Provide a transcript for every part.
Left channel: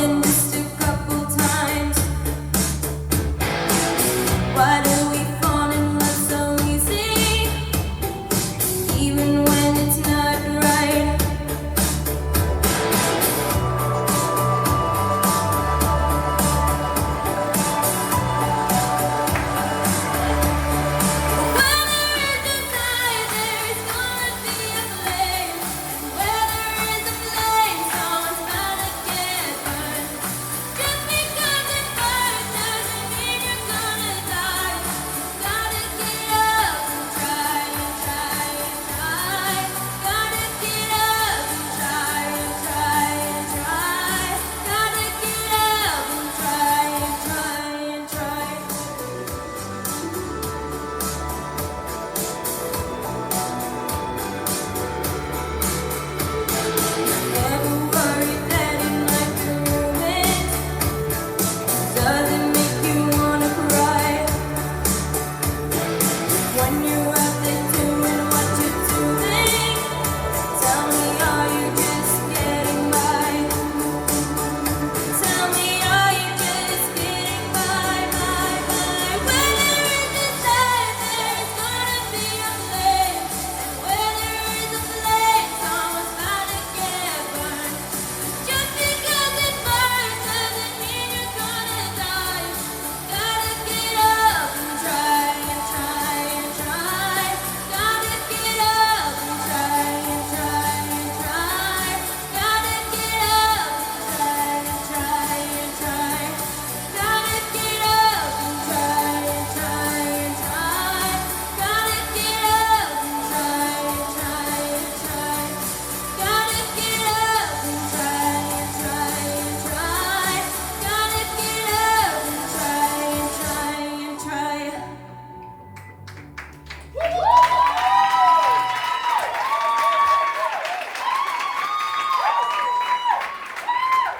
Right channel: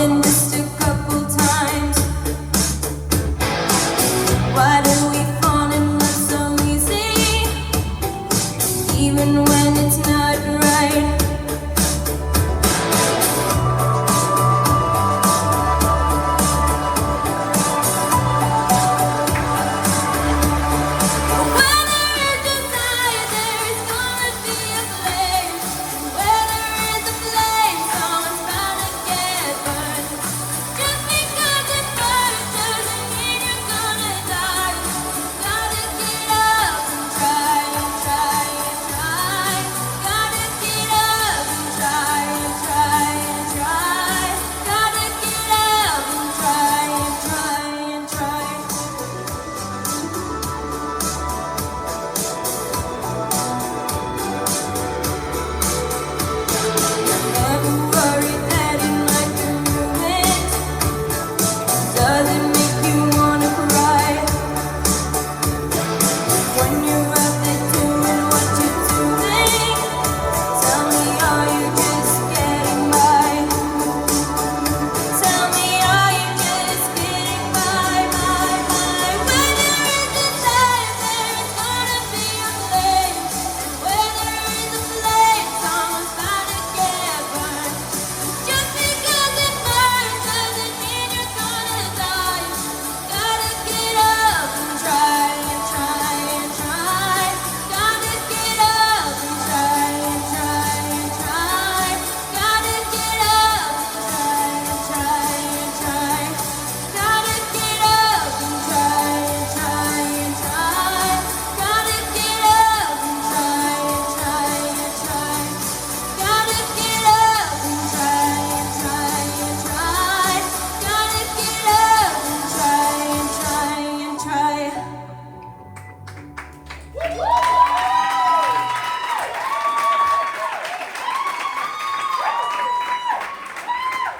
than just a couple times. Why do we fall in love so easy, even when it's not right?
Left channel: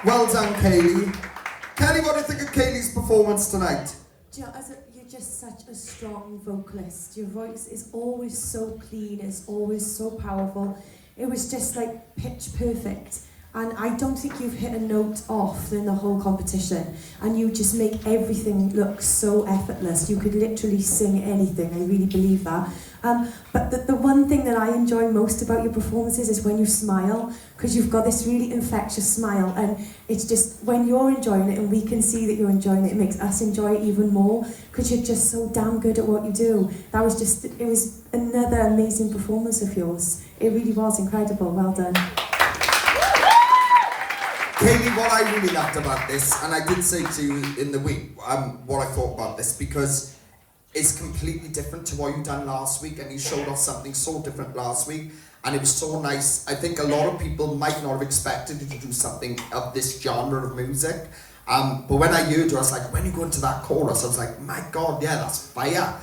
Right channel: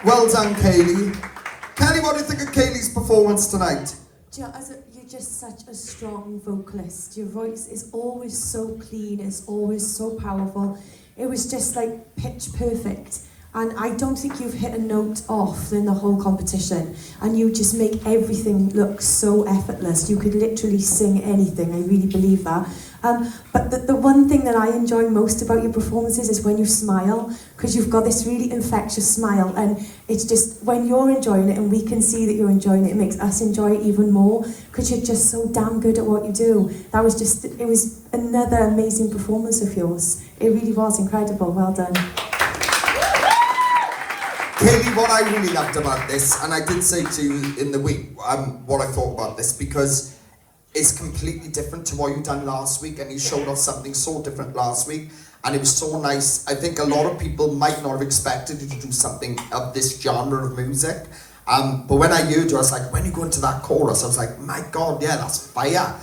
Well done, Kaylee. Kelly, what do you think of Kaylee's performance tonight? You're just such a strong vocalist. Your voice is always so clean, it's always so powerful. It was just like pitch perfect. And I don't think you've hit a note off in the whole competition. And you just make everything look so effortless. You could literally sing anything, I really believe that. But the one thing that I enjoy most about your performances is when you smile, because you've got this really infectious smile, and it's just, when you're enjoying it and we can see that you're enjoying it, it makes us enjoy it even more, because you're just so damn good at what you do. It was another amazing performance of yours. It really was incredible, well done. Kaylee, what I really loved about this, and I did say to you in the week what I thought about this, because it's completely different to what you done last week, and you showed us something so different last week, and it was so nice. I think a lot of people might not have expected you to do something of this genre of music, but when I heard you, I was like, when you go into that chorus, I was like, my God, yeah, that's fire.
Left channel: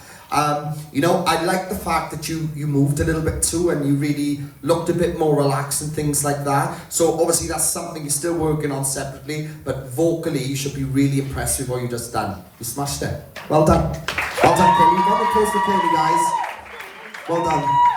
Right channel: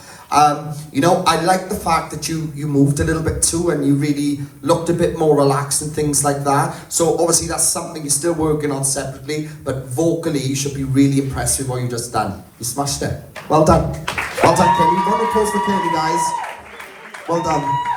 You know, I like the fact that you moved a little bit too, and you really looked a bit more relaxed and things like that. So obviously that's something you're still working on separately, but vocally you should be really impressed with what you just done. You smashed it. Well done. Well done, Kelly. Round of applause for Kelly, guys. Well done.